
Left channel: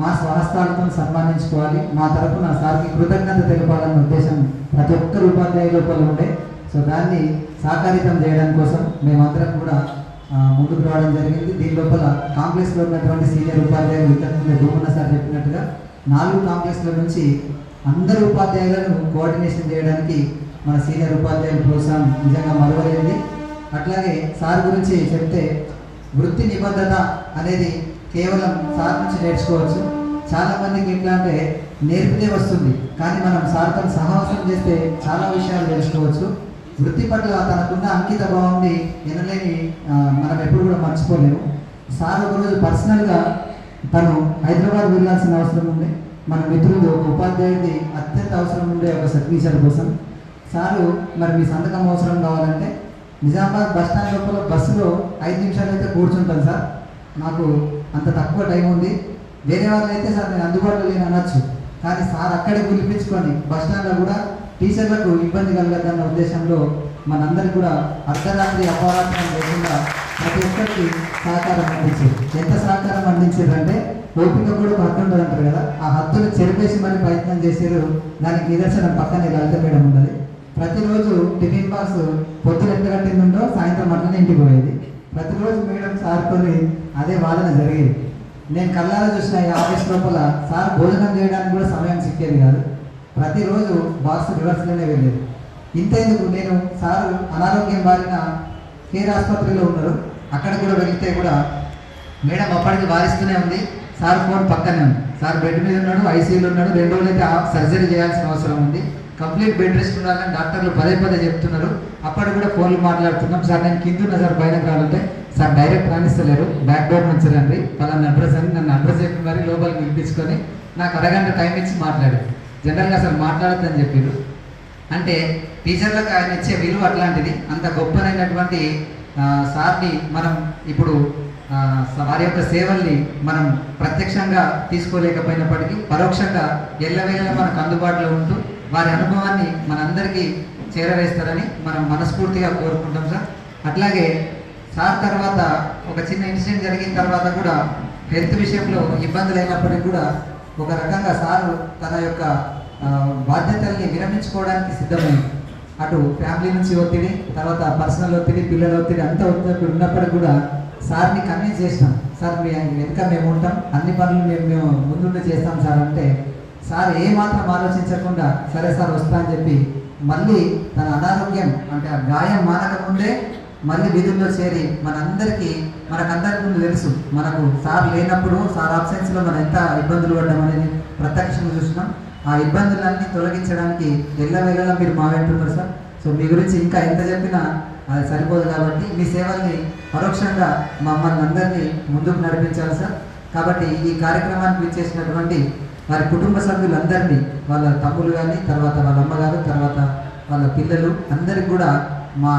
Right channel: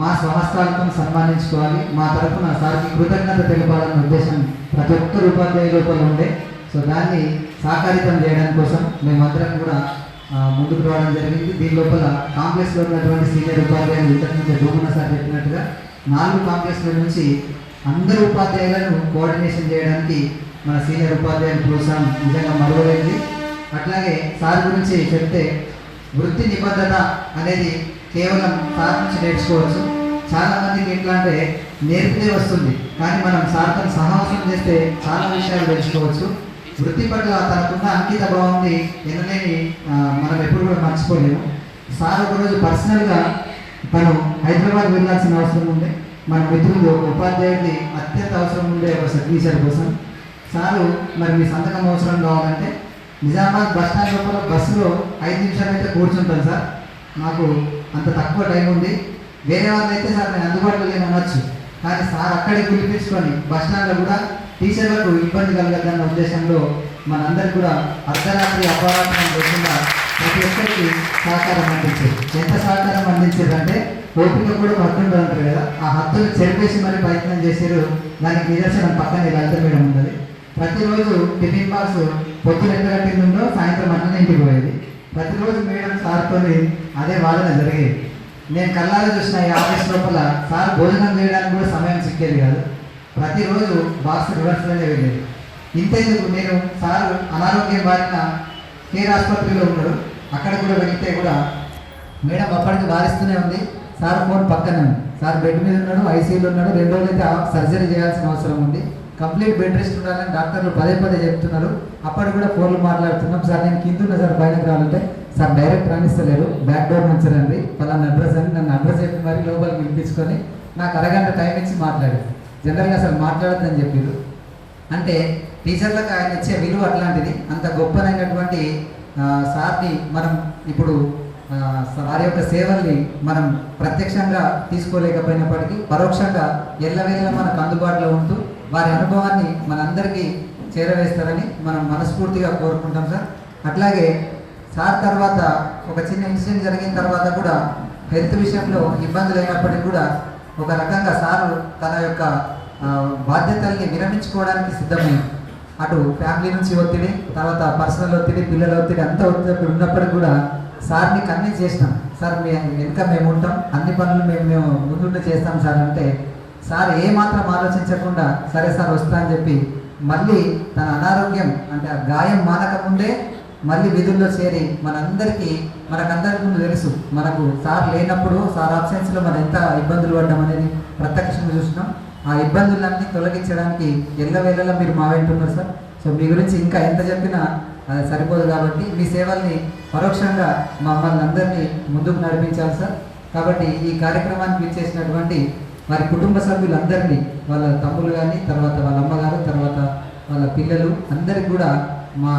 మా స్వహస్తాలతో సన్మానించుకోవాలి. మా తరఫున సార్కి కృతజ్ఞత తెలపాలన్న ఉద్దేశం ప్రతి ఒక్కరు ఉపాధ్యాయుల లోపల ఉండే. సో దాన్ని సాకారితం చేయడం కోసం మేమందరం కూడా ముందుకు రావడం జరిగింది. దీని లోపల కాంప్లెక్స్లో ఉన్నటువంటి సీనియర్ ఉపాధ్యాయులు ఇంతకుముందు జోగున్న సార్ చెప్పినట్టుగా నాలుగు కాంగ్రెస్ల నుంచి అందరు ఉపాధ్యాయులను కోఆర్డినేషన్ చేయడానికి మన సీనియర్ ఉపాధ్యాయుల ప్రోత్సాహం నిజంగా మరవలేనిది. అట్లాగే సార్ గురించి చెప్తే వృత్తి నిబద్ధత అనేది కేవలం సార్ నుంచి నేర్చుకోవచ్చు. చాలా మందికి ఎట్లా అంటే నేర్పితే వస్తుంది కానీ మనం సార్తో సహవాసం చేస్తే చాలా విషయాలు నేర్చుకోవచ్చు వృత్తి పట్ల తనకున్న అంకిత భావాన్ని ఎనలేని మనం ఎప్పుడు కూడా మర్చిపోలేము. సార్ ఒకరోజు పర్సనల్గా తను హైదరాబాద్ వెళ్ళాల్సిన అవసరం ఉంది. మన మిత్రులు ఉపాధ్యాయుడి అత్యంత అవసరం ఉండే ఒక సర్వీసర్ కోసం. సారు మరి మీ సంతకం అవసరం కావాలంటే నిజామాబాద్ బస్ స్టాండ్ లోపల బస్సులో ఐదు నిమిషాలు అయితే కూర్చుంటాను సార్. నాకు అంత తక్కువ టైం ఉంది. వేరే వాళ్ళు అయితే సార్ నేను అందుబాటులో లేని అనొచ్చు. కానీ సార్ అక్కడే పిలిపించుకొని బస్ స్టాండ్లో కూడా టీచర్లకు ఇబ్బంది కలగద్దన్న ఉద్దేశంలో మనందరి కూడా అర్ధరాత్రి అపరాత్రం లేకుండా ప్రతి ఒక్కరికి సహకారం అందించారు. ఎంత సహకారం అందించారంటే ఓపిక కూడా హద్దు అంటారు కదా. ఆ హద్దులు చెరిపేసి మరి ప్రయత్నం చేశారు. దానికి నిదర్శనం పక్కన లలిత మేడం ఉన్నది. ప్రతిరోజు టిఫిన్ బాక్స్ పొద్దున ఎంత కట్టిందో సాయంత్రం అట్లనే ఇంటికి పోయేది. ప్రతిరోజు మేడం సార్తో అదే వాళ్ళనే జరిగేది. నేను కళ్ళారా చూసిన ఈ ఆఫీస్ లోపల సార్ భోజనం చేయడానికి కూడా సమయం సిక్కేది కాదు. ప్రతిరోజు బాక్స్ రివర్స్లోనే వెళ్ళేది. ఇంతేందుకు నేను సార్ అనారోగ్యం బారిన కేర్ ఆసుపత్రిలో ఉన్నారు. అక్కడ కూడా వెళ్తే కూడా మేడం అప్పటికి వారిస్తూనే ఉంది. సార్ ఫోన్ పక్కనే ఉంది. సార్ బెడ్ మీద ఉన్నాడు ఐసీయూలో ఉన్నాడు. రెండు రోజులైతే సర్జరీ చేయాల్సిన అవసరం ఉంది. కంప్లీట్ బెడ్ రెస్ట్ ఉండాలని డాక్టర్లు పదే పదే చెప్తున్నారు. అప్పటికి కూడా ఫోన్లు మాట్లాడుతున్నాం. సార్ నేను కింద ఉన్నా సార్ బయటకు రావాలంటే. సార్ డైరెక్ట్ రాణిస్తలేరు బ్యాక్ డోర్ నుంచి రండి. పలానా అడ్రస్ అని నన్ను అడ్రస్ చెప్పి మరి లోపలికి పిలిపించుకొని నాకు అరగంట టైం ఇచ్చి మాట్లాడారు. జనరల్గా అసలు మాట్లాడద్దని చెప్పారు అంటే టీచర్లకు ఆయన ఇచ్చే విలువ అట్లాంటిది. అంత గొప్పనైనటువంటి సార్ని మనం ఇప్పుడు వారి యొక్క సేవల్ని మనం ప్రత్యక్షంగా తీసుకోలేకపోయినప్పటికీ పరోక్షంగా ఎల్లవేళ మనకు అందుబాటులో ఉంటూ వారి అనుభవాన్ని మనందరికీ చేరవేస్తారని మనం మనస్ఫూర్తిగా కోరుకుంటాం సార్. అట్లాగే సార్ తర్వాత ఒక చిన్న ఇన్సిడెంట్ జరిగిన తర్వాత కూడా హెల్త్ విషయంలో ఇబ్బందులు అయినప్పటికీ కూడా ఒక రకంగా సారు తన యొక్క బాధ్యతల్ని విరమించుకోవడానికి సిద్ధమైంది అటు ఫ్యామిలీ నుంచి ఒత్తిడి తర్వాత పర్సనల్ ఒత్తిడి పిల్లల ఒత్తిడి అంతా ఒత్తిడి ఉన్నప్పటికీ కూడా సార్ని కన్విన్స్ చేసినాం. సార్ మీ వెనుక మేము ఉంటాం అన్ని పనులు మేము మేము ముందుండి చేస్తాం సార్ అంటే సార్ ఏమాత్రం ఆలోచించకుండా సరే సార్ వస్తా అని చెప్పి మళ్ళీ తన అనారోగ్యం అంటే ఆ గాయం మానకముందే మళ్ళీ విధుల్లో చేరి మనందరికీ మనకందరికీ ముందు తెలుసు మనకు సార్ లేనప్పుడు సార్ అబ్సెన్స్లో మనం ఎంత ఇబ్బందులు పడ్డాం అనేది ప్రత్యక్షంగా చూసినాం ఆ ఇబ్బందులన్నీ తొలగించడానికి ఎల్లవేళలా మీరు మా వెంటున్నారు సార్. సో మీ గురించి ఇంకా ఎంత చెప్పినా అది సరిపోదు కాబట్టి మీ సేవల్ని పరోక్షంగా మమ్మల్ని అందరినీ ముందుకు నడిపించాలి సార్. కాబట్టి ఈ కార్యక్రమానికి విచ్చేసినటువంటి వారి కుటుంబ సభ్యులందరినీ వాళ్ళ తమ్ముడు కానీ తర్వాత వాళ్ళ అమ్మగారు తర్వాత వాళ్ళ పిల్లలు అందరికి కూడా మా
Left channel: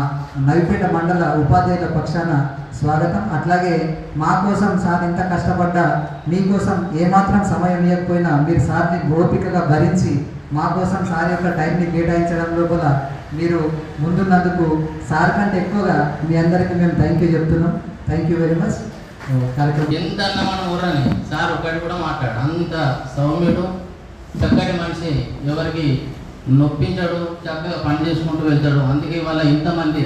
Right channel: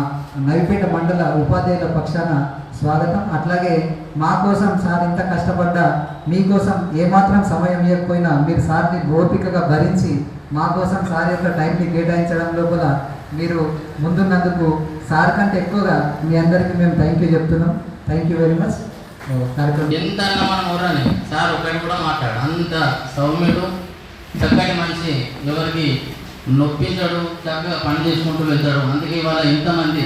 నవిపేట మండల ఉపాధ్యాయుల పక్షాన స్వాగతం. అట్లాగే మా కోసం సార్ ఎంత కష్టపడ్డా మీకోసం ఏమాత్రం సమయం ఇవ్వకపోయినా మీరు సార్ని ఓపికగా భరించి మా కోసం సార్ యొక్క టైంని కేటాయించడం లోపల మీరు ముందున్నందుకు సార్ కంటే ఎక్కువగా మీ అందరికీ మేము థ్యాంక్ యూ చెప్తున్నాం. థ్యాంక్ యూ వెరీ మచ్ ఎంత అన్న సార్ ఒకటి కూడా మాట్లాడు. అంత సౌమ్యుడు చక్కటి మనిషి. ఎవరికి నొప్పించడు చక్కగా పని చేసుకుంటూ వెళ్తాడు. అందుకే ఇవాళ ఇంతమంది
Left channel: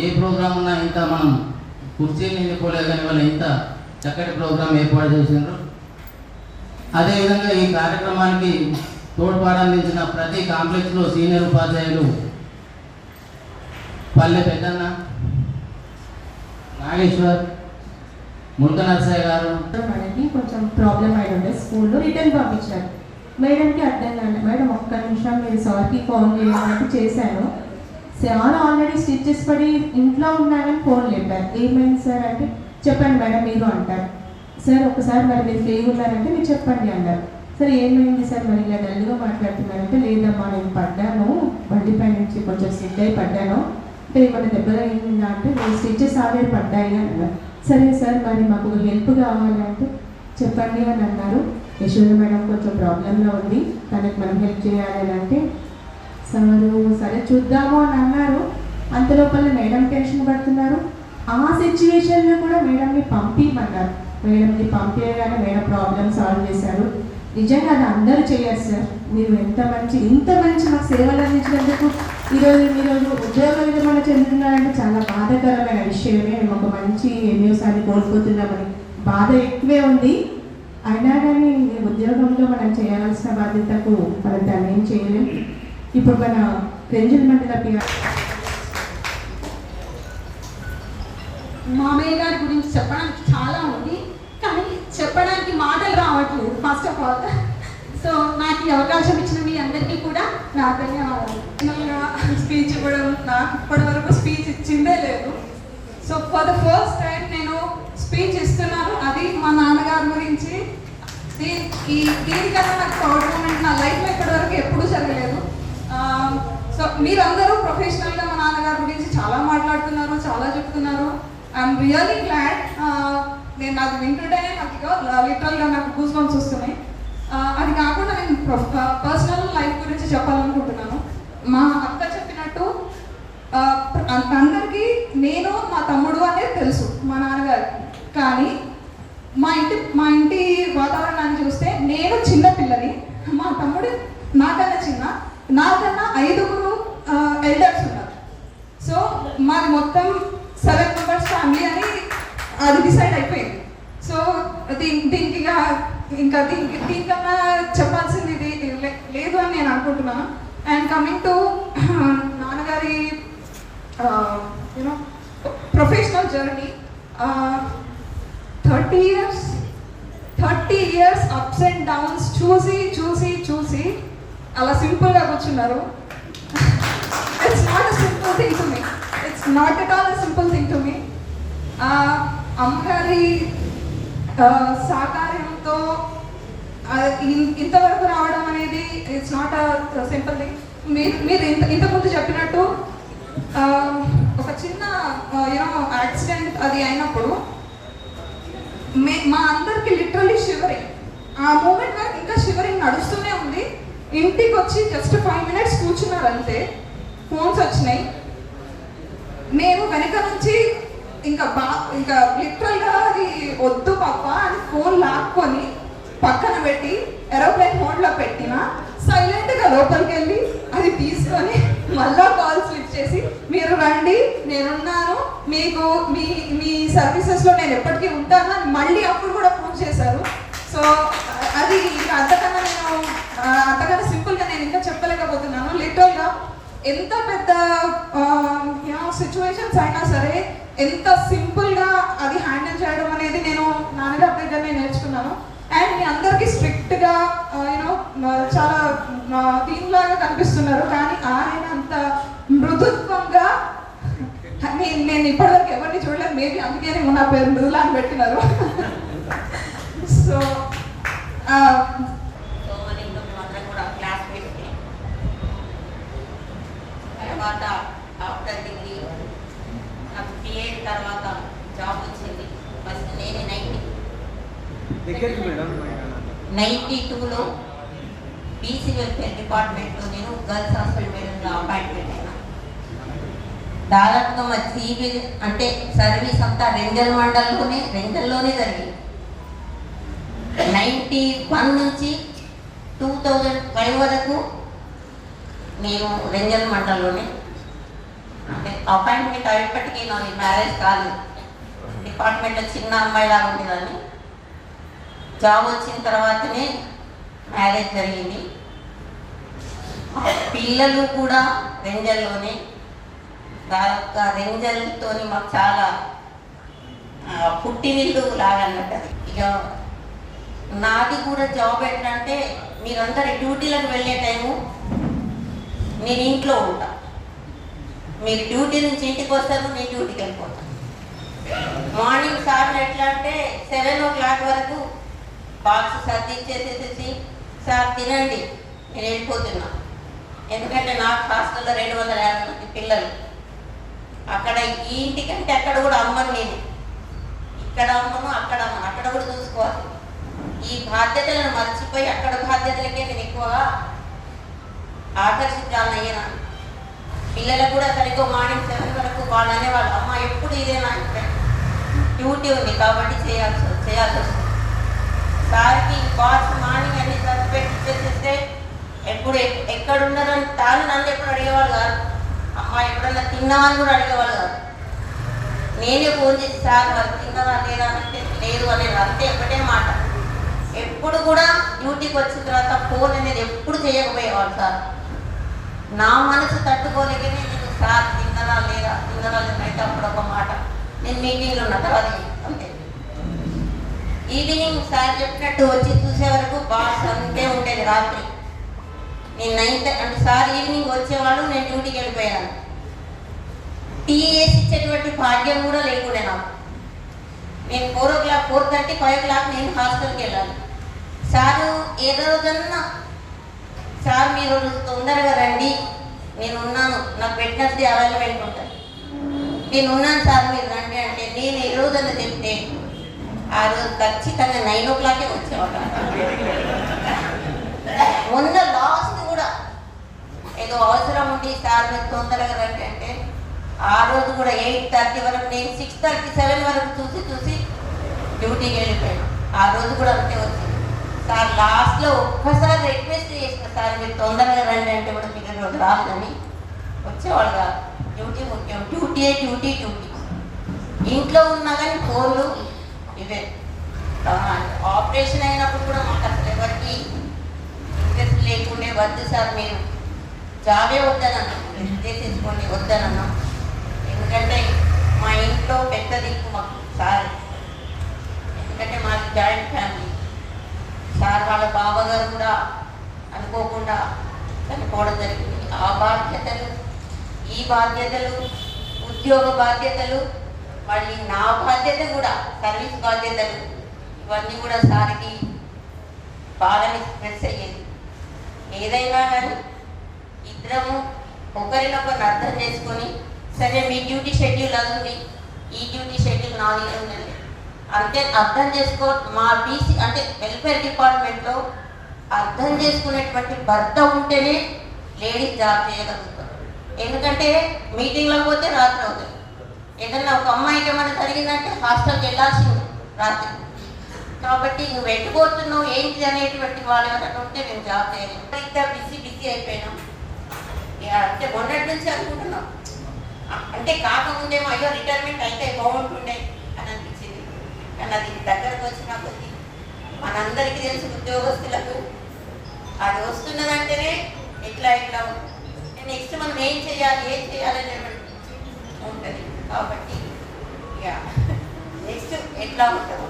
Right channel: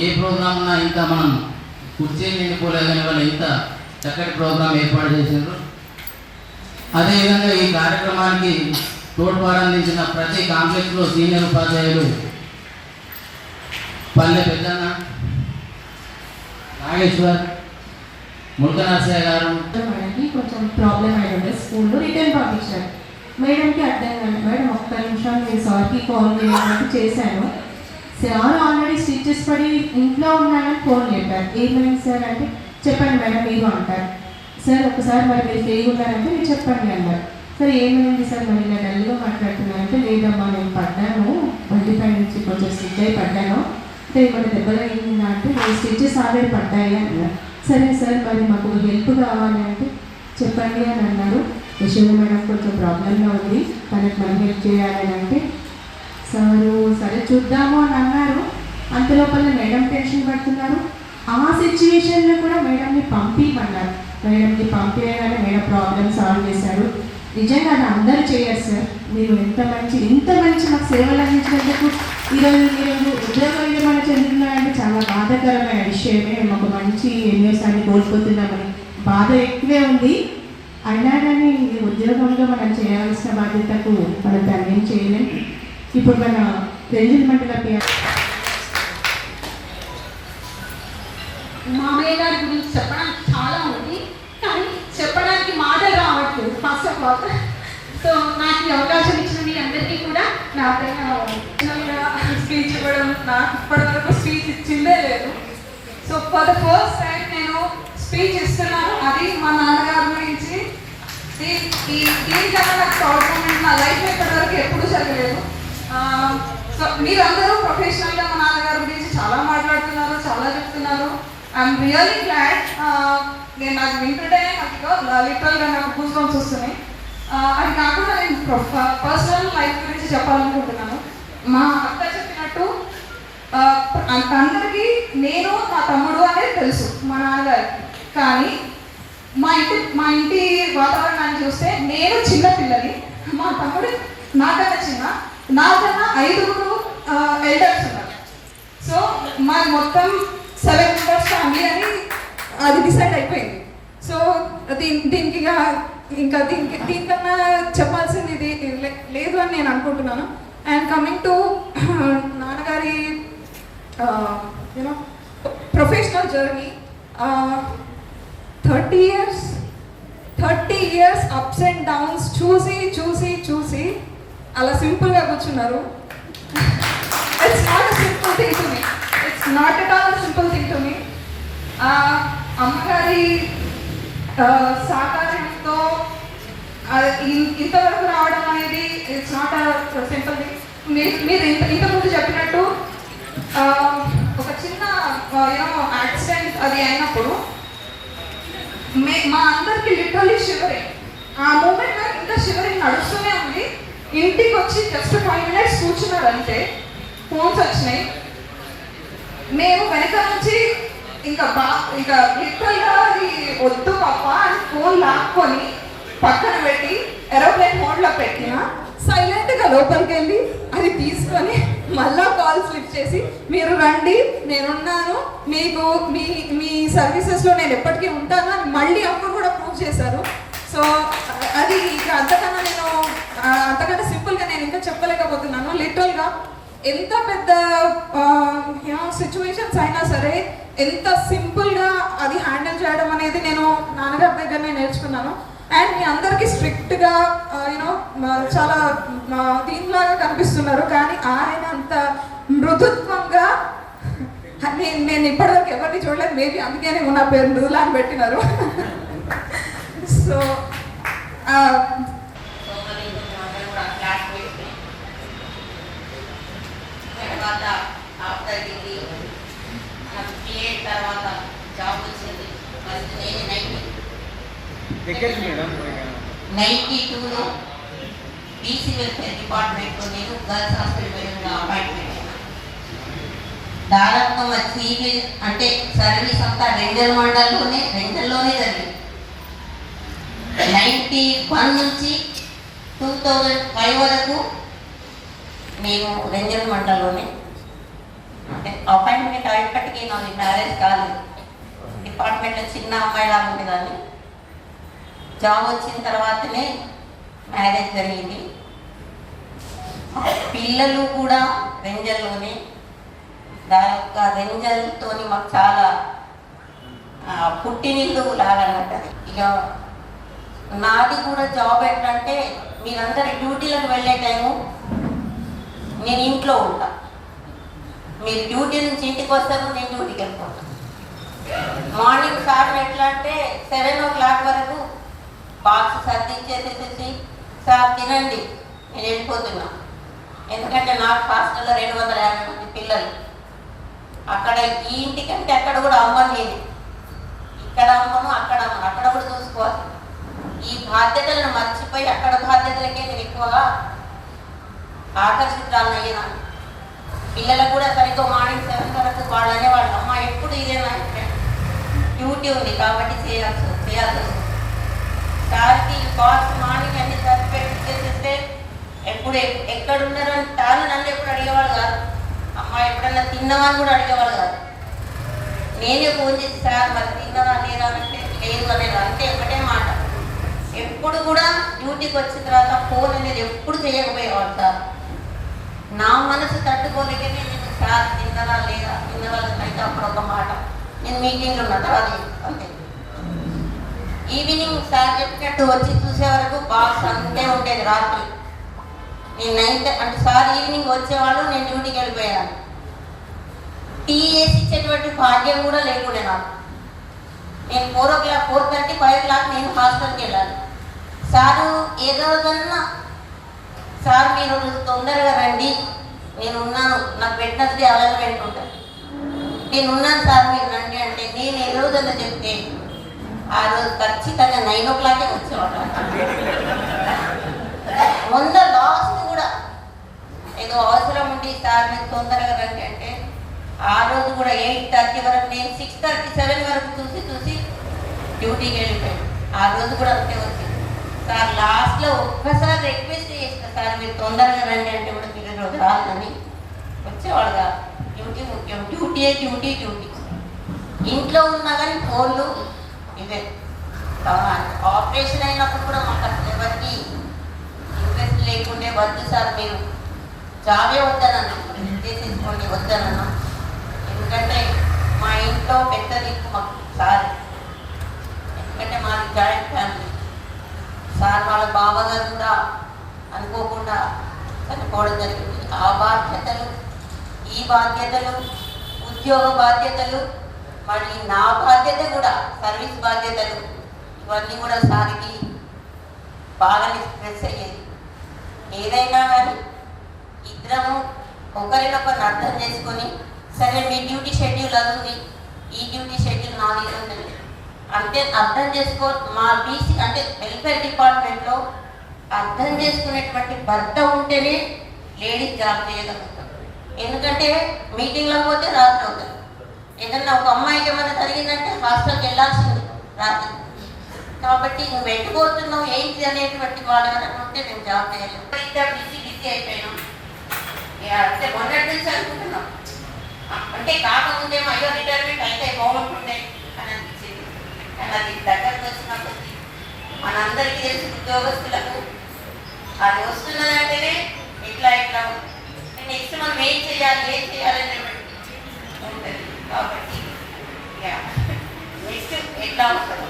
ఏ ప్రోగ్రామ్ ఉన్నా ఇంత మనం కుర్చీలు నిండిపోలేదు కానీ ఇవాళ ఇంత చక్కటి ప్రోగ్రాం ఏర్పాటు చేసిండ్రు. అదేవిధంగా ఈ కార్యక్రమానికి తోడ్పాటు అందించిన ప్రతి కాంప్లెక్స్లో సీనియర్ ఉపాధ్యాయులు పల్లె పెద్దన్న నాగేశ్వర్ మురుగనరసయ్య గారు. కొంచెం ప్రాబ్లం అయి ఉండే స్కూల్లో రిటర్న్ పంపించారు మేడంకి అర్థం కాదు మేడం ఒక్క నిమిషం నేను సార్కి కాల్ చేయడానికి చేశాను సార్ ఆల్రెడీ స్టిచ్చెస్ పడి ఇంట్లో ఉన్నానని ఫోన్ లేపారు ఏమైంది సార్ అంటే చెప్పండి మేడం మీరు అంటారు. సార్ ఒకసారి మరి మీరు ఫ్రీ ఉన్నారంటే మీరు చెప్పండి అన్నారు. సార్ ఏమైంది సార్ మరి నేను డల్గా మాట్లాడుతున్నారంటే లేదమ్మా నేను పడ్డాను. బండిపై నుంచి కొంచెం స్టిచ్ అయి పడ్డాను. అంటే కొన్ని దెబ్బలు అయిందా అంటే నేను స్టిచెస్ ఆల్రెడీ పడ్డాయి అని అన్నారు. సరే సార్ మరి మాకు హెల్ప్ కావాలి అంటే చెప్పండి అని అన్నారు. యశోద మేడం కొంచెం ప్రాబ్లంలో ఉంది. తనకు మనం హెల్ప్ చేయాలని అంటే సారు సరే చూద్దాము అని అన్నారు. అంతలోపల మేడం టెన్షన్ పడుతున్నారు. ఆ సిచ్యువేషన్లో కూడా మేడంని పంపించమన్నారు మేడంని పంపించగానే మేడం ప్రాబ్లమ్ సాల్వ్ చేశారు. నిజంగా అది అందరూ చేయరు సార్. మీరు ఎంత మంచి ఇంత మంచి మాకు సేవలు అందించినందుకు ఈరోజు మీరు ఉద్యోగం విరమణ చెందుతున్నారంటే చాలా బాధాకరమైన విషయమే. మేము ఒక మంచి ఎన్నిసార్లు కోల్పోతున్నామని బాధ ఎక్కువే ఉంది. అయినా కానీ ఉద్యోగంలో మనం చేయాల్సిన బాధ్యతకు మనం దాన్ని ఏం చేయలేం. ఇప్పుడు మన రంజన్ మండల మా మామయ్య గారి గురించి చెప్పడానికి చాలా ఉంది కానీ చెప్పడానికి మాటలు రావట్లేదు ఫస్ట్ ఆఫ్ ఆల్ సో నాకు ఈ అవకాశం ఇచ్చిన మీ అందరికీ కూడా నా ఈ దీనికన్నా నాకు ప్రౌడ్ మూమెంట్ నా లైఫ్ ఇప్పటివరకు ఎప్పుడూ జరగలేదు. సో మీరందరూ ప్రొఫెషనల్గా మా నాన్నగారి గురించి చాలా మాట్లాడుతున్నారు చాలా చెప్తున్నారు. ఐఎమ్ రియల్లీ గ్లాడ్ నేను నాకు వింటుంటే నాకు లిటరల్గా నాకు గూస్ వస్తున్నాయి. అది కాకుండా నేను పర్సనల్ లైఫ్ గురించి చెప్పాలనుకుంటున్నాను. మా అక్క చెప్పినట్టు అందరికీ నేను మా తమ్ముడు అనేది తెలుసు మా నాన్నగారికి. కానీ మా ఇంటి మా ఇంటి వాతావరణాన్ని చూస్తే నేను చిన్న పిల్లని మా తమ్ముడు నాకన్నా చిన్న. నాకన్నా ఐదుగురు ఎల్డర్స్ ఉన్నారు. సో మా మొత్తం సెవెన్ మెంబర్స్ ఫ్యామిలీ అని అది డిసైడ్ అయిపోయింది. సో దీని దీనికి ఇంకా దీనికి దీనికన్నా చెప్పాల్సింది ఇది లే- లేదు అని నేను అనుకుంటున్నాను. అండ్ కమింగ్ టు నాన్నగారి you know professional journey thirty years thirty years ups and downs చూసి చూసి చూసి అలా సింపుల్గా కూర్చున్నారు. It's not simple thing to me it's not at all simple thing to me అమ్మగారి సహకారంతో ఇంతవరకు రావడం అనేది ఇట్స్ నాట్ సింపుల్ థింగ్ మీరు ఇంత ఇంతకుముందు చెప్పినట్టు ఒక చిన్న యూనో యాక్సిడెంట్ అది అయినప్పుడు మే మా అందరికి లిటరలీ షివరింగ్ ఆ మూమెంట్లో ఇంకా షివరింగ్ నడుస్తూనే ఉంది. ఇంటికి వచ్చి జస్ట్ ఫైవ్ మినిట్స్ కూర్చున్నారంటే ఫోన్స్ వచ్చినాయి. నేను వెనక నుంచి ఇంకా బా ఇంకా లిటరల్గా అది వద్దు పాప అని ఫోన్ లాక్కొని పక్కన పెట్టి ఏరోప్లేన్ మోడ్లో పెట్టిన సైలెంట్గా లోపలికి వెళ్ళి అది తీసుకొని మళ్ళా కాల్ స్లిప్ చేసి మీరు రండి నేనున్నాను. మీకు మీ మీ సర్వీసెస్లో నేను ఎప్పటికీ ఉంటాను అని మళ్ళీ అప్పుడు కూడా ప్రూవ్ చేశారు. సో అది ఇంకా అంతకన్నా నేను అంతకన్నా సింపుల్గా నేను ఇంకా చెప్పలేకపోతున్నాను. లిటరల్గా ఎంత పెద్ద సిచ్యువేషన్స్ అయినా సరే ఎంత సింపుల్గా అది హ్యాండిల్ చేయడం అనేది నేను నాన్నగారి దగ్గరనే నేర్చుకున్నాను. అండ్ మీ అందరికీ స్ట్రిక్ట్గా యూనో చాలా ఆ, దీనిలాగా కనిపిస్తున్నారు. కానీ ఆయన అంత మృదుత్వంగా (laughs) నేను నేను ఇప్పటివరకు ఎవరిని చూడలేదు. మేబీ అందుకే ఉన్న నా పేరు మృదులా అని పెట్టినారు (laughs) సో మరి కొంచెం అందరం కూడా క్లాస్ పెట్టి తర్వాత ఆఫ్టర్ డిగ్రీ నైంటీ టూలో బీసీ వెల్ఫేర్ డిపార్ట్మెంట్లో నేను గర్ల్స్ హాస్టల్ మేనేజర్గా అపాయింట్మెంట్. అయినా దాదాపుగా మా సీవీ అంటే సర్వీస్ అంతా రెండల్ మండల్లోనే రెండల్లోనే జరిగింది. నైంటీ వన్ నుంచి టూ థౌజండ్ ఫైవ్ వరకు మేము రెంజల్ మండల్లోనే. అంటే అపాయింట్మెంట్ అయినప్పటికీ మ్యారేజ్ కాలేదు. డిపార్ట్మెంట్లో చిన్న అమ్మాయిలాగా ఉండేదాన్ని. జాబ్ వచ్చిన తర్వాతనే మ్యారేజ్ జరిగింది. పిల్లలు కూడా రెంజల్లోనే. దాదాపుగా రెంజల్తో మాకు చాలా పుట్టినిల్లు లాగన్నట్టు అది. ఇక నాది కూడా జాబ్ ఏంటంటే మీరందరూ డ్యూటీలకు వెళ్ళే టైము నేను ఇంట్లో ఉంటా. మీరు డ్యూటీ నుంచి ఇంటికి వస్తారు నేను డ్యూటీకి వెళ్ళిపోతాను మార్నింగ్ సార్ ఎట్లా అంటే సెవెన్ ఓ క్లాక్ వరకు బాక్స్ సర్దించేసేసేసి సార్ తినండి. నేను వెళ్ళిపోతున్నా. ఎందుకంటే నాకు హాస్టల్లో రెండు వందల యాభై మంది పిల్లలు. అక్కడ ఈ ఇంటికంటే అక్కడ కూడా అమ్మను నేను ఇక్కడ అమ్మను అక్కడ అమ్మను. అక్కడ కూడా చూసుకోవాలి. ఈ బాధ్యతలను మర్చిపోయి అక్కడ బాధ్యతలకే నేను ఎక్కువగా ఆకర్షితురాలను పిల్లలకు కూడా సరిగ్గా మార్నింగ్ సెవెన్ వరకు వాళ్ళు అనేవాళ్ళు అమ్మ ఎప్పుడు ఇదేనా డ్యూటీ ఉంది కాబట్టి చేయాల్సి చేయాల్సి వస్తుంది. సార్కి బాస్ మార్నింగ్ అన్ని సర్టిఫికేట్ చేసేస్తే ఎప్పుడు ఎక్కడ ఉన్నారో అని తాను నన్ను ఎప్పుడు అడిగేవాళ్ళు కాదు. అమ్మ ఎప్పుడన్నా తిన్నామని కూడా అడిగేవాళ్ళు కాదు. నేనే ఫోన్ చేసి సార్ మరి తిన్నారా లేదా? అంటే లేదు అనేది అంతే ఒకటే మాట. ఎప్పుడు కూడా డ్యూటీకి వచ్చిన తర్వాత ఫోన్ అనేది ఎప్పుడు చేయకపోయేవాళ్ళు సార్. నా మనసు తట్టుకోలేకనే నేను సార్ తిన్నదా లేదా? తిన్నదా లేదా అయితే అప్పుడు ఒక మాట. నేను మీటింగ్లో ఉన్న తర్వాత ఈవినింగ్ సార్ చెప్పినట్టు వచ్చి చూసే వరకు బాస్ అంతే ఉండేది రాత్రి. నేను నైన్త్ అంటే సార్ ఈవినింగ్ వచ్చేవాళ్ళు నేను డ్యూటీకి వెళ్ళిపోయాను టీ వేసి ఇచ్చేటువంటి భాగ్యం కూడా లేకుండే నాకు. నేను four o'clock four thirty five clock నేను హాస్టల్కి వెళ్ళాలి. సారు ఏ రోజన్నా సార్ మీరు తొందరగా రండి. నేను ఉన్నాను నాకు పెట్టినది అవైలబెంట్ ఉంటాను నేను ఉన్నాను సార్ మీరు రండి అంటే నేను ఏ రోజన్నా చెప్తే ఆ రోజు ఖచ్చితంగా నైన్ ఓ క్లాకే వచ్చేవాడు మొన్న లాస్ట్ కూడా ఏదో అవసరం ఉండి సార్ మీరు తొందరగా రండి అంటే ఆ రోజు కూడా ఎయిట్ థర్టీ వరకు నేను సిక్స్ థర్టీ సెవెన్ వరకు చూసి చూసి డ్యూటీకి వెళ్ళిపోయాను. ఆ రోజు కూడా అంతే వచ్చింది. సార్ లాస్ట్లో ఒక్కసారి రిక్వెస్ట్ చేసిన సార్ మీరు తొందరగా రండి అంటే కూడా మీరు రోజు రాదని వచ్చేవాడు కాదు. డ్యూటీ ముఖ్యం. Duty duty duty. ఇంట్లో ఉన్నా కానీ ఫోన్లు ఇవే ఆపరేషన్ అయినప్పుడు కూడా మాకు అసలు ఎవరికి ఇంట్రెస్ట్ లేకుండే వద్దు సార్ మీరు జాబే వద్దనన్నా. చేసేసుకోండి వద్దనన్నా. ఎందుకంటే మా ఇంట్లో పెద్ద దిక్కు మాకు సార్. ఎందుకంటే మాది జాయింట్ ఫ్యామిలీ. సార్ వాళ్ళ బావగారు కూడా అనుకోకుండా చనిపోవడం జరిగింది. ఆ బాధ్యతలు ఈ బాధ్యతలు ఉద్యోగ బాధ్యతలు మళ్ళీ నా బాధ్యత కూడా సర్వీస్ బాధ్యతలు ఇవన్నీ కూడా సారికి బాగా స్ట్రెస్ అయ్యేది. ఏదైనా కానీ ఇద్దరము ఒకరినొకరిని అర్థం చేసుకొని సరే మీ డ్యూటీ షెడ్యూల్ అది ఉంది ఈ డ్యూటీ షెడ్యూల్ నాది దగ్గర ఉంది అంటే అర్థం చేసుకో మా బీసీ అంటే వెల్ఫేర్ డిపార్ట్మెంట్లో అర్థం చేసుకునేటువంటి భర్త ఉంటేనే లేడీస్ జాబ్ చేయగలుగుతారు. ఎందుకంటే మీటింగ్లో పోతే రాత్రి అవుతుంది. ఏదన్నా ఒక అమ్మాయికి ఏమైనా జరిగిందంటే హాస్టల్కి వెళ్ళాల్సింది రాత్రి. కాబట్టి నువ్వు వెళ్ళిపోతున్నావు ఏంటి అనేటువంటి వాళ్ళు ఎవరైనా ఉంటే నేను జాబ్ చేయలేదు ఇద్దరు బిజీ బిజీ అయిపోయినాం. ఇక అంటే మొన్నటి నుంచి అనుకుంటున్నాం. అంటే కాకముందేమో అయ్యో రిటైర్మెంట్ అయితే బాగుంటుండే అని అనిపించింది. కానీ అది దగ్గరకు వచ్చిన కొద్ది మనందరికీ తెలిసి ఉద్యోగస్తులకు అది వస్తున్నదంటేనే ఇట్లా ఇట్లా నెక్స్ట్ మనం ఏం చేయాలి ఏం చేయాలి అనేటువంటి ఉంటుంది. కాబట్టి ఇక నెక్స్ట్ ఎట్లా ఉంటుందో